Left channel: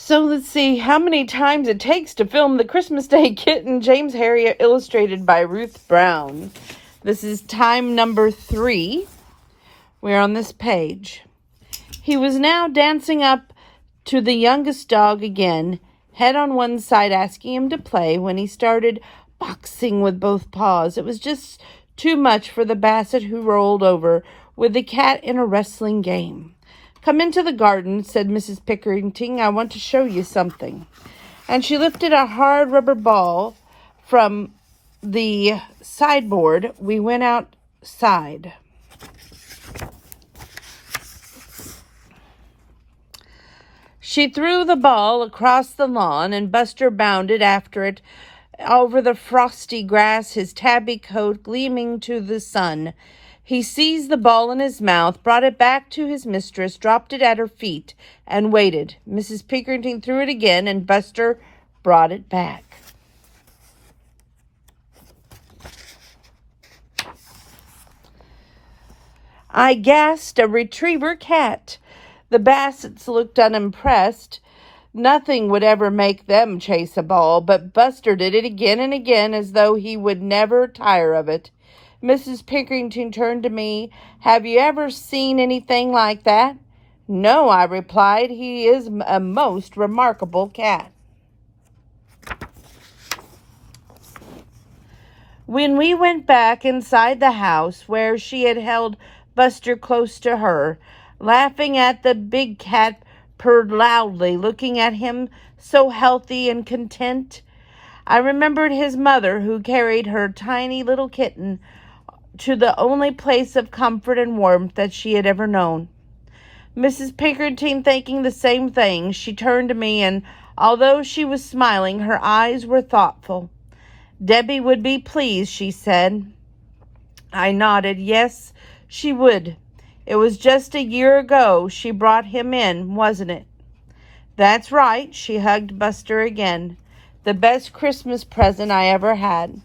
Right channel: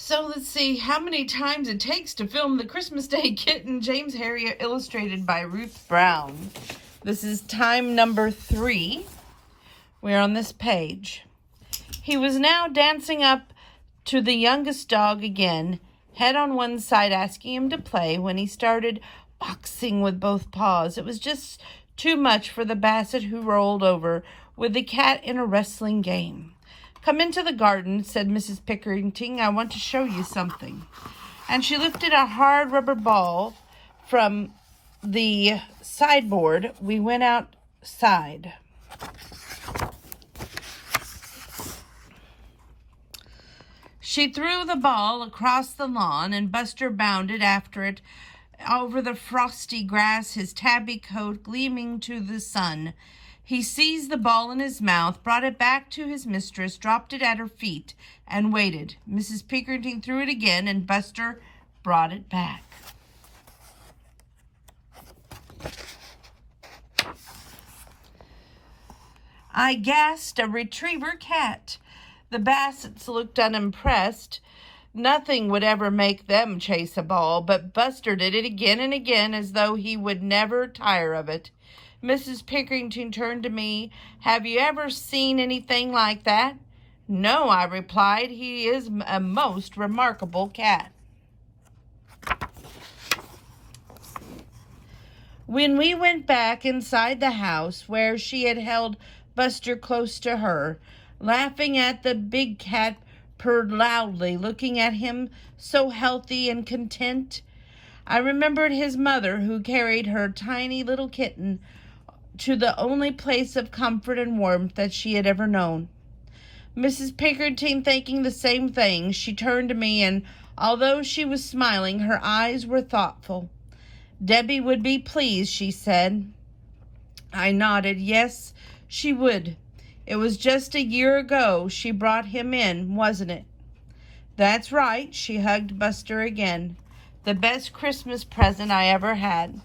So let's see how many times it takes to film the Christmas Day Kitten, James Herriot, illustrated by Ruth Brown. This is time number 3. We're on this page. He was now dancing up to the youngest dog again, head on one side, asking him to play, when he started boxing with both paws. It was just too much for the basset, who rolled over with the cat in a wrestling game. "Come into the garden," said Mrs. Pickerington. "I want to show you something." And she lifted a hard rubber ball from the sideboard. We went outside. She threw the ball across the lawn, and Buster bounded after it over the frosty grass, his tabby coat gleaming to the sun. He seized the ball in his mouth, brought it back to his mistress, dropped it at her feet, and waited. Mrs. Pickerington threw it again, and Buster brought it back. I gasped, "A retriever cat." The Bassets looked unimpressed. Nothing would ever make them chase a ball, but Buster did it again and again, as though he would never tire of it. Mrs. Pickerington turned to me. "Have you ever seen anything like that?" "No," I replied. "He is a most remarkable cat." When we went back inside the house, where she had held Buster close to her, laughing at the big cat, purred loudly, looking at him so healthy and content, I remembered his mother, who carried her tiny little kitten to the only place of comfort and warmth that she had ever known. Mrs. Pickerington thinking the same thing, she turned to me, and although she was smiling, her eyes were thoughtful. "Debbie would be pleased," she said. I nodded. Yes, she would. It was just a year ago she brought him in, wasn't it? "That's right." She hugged Buster again. "The best Christmas present I ever had."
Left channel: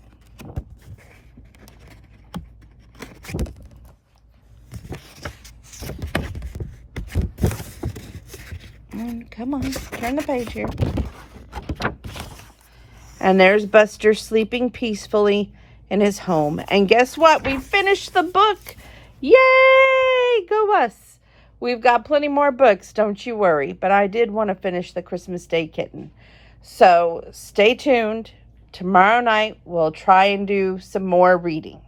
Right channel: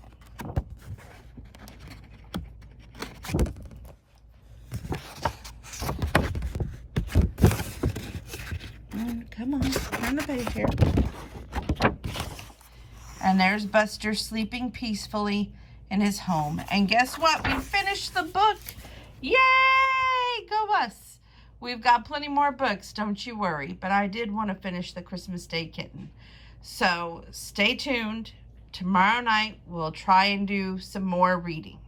Come on, turn the page here. And there's Buster sleeping peacefully in his home. And guess what? We finished the book. Yay! Go us. We've got plenty more books, don't you worry. But I did want to finish the Christmas Day Kitten. So stay tuned. Tomorrow night we'll try and do some more reading.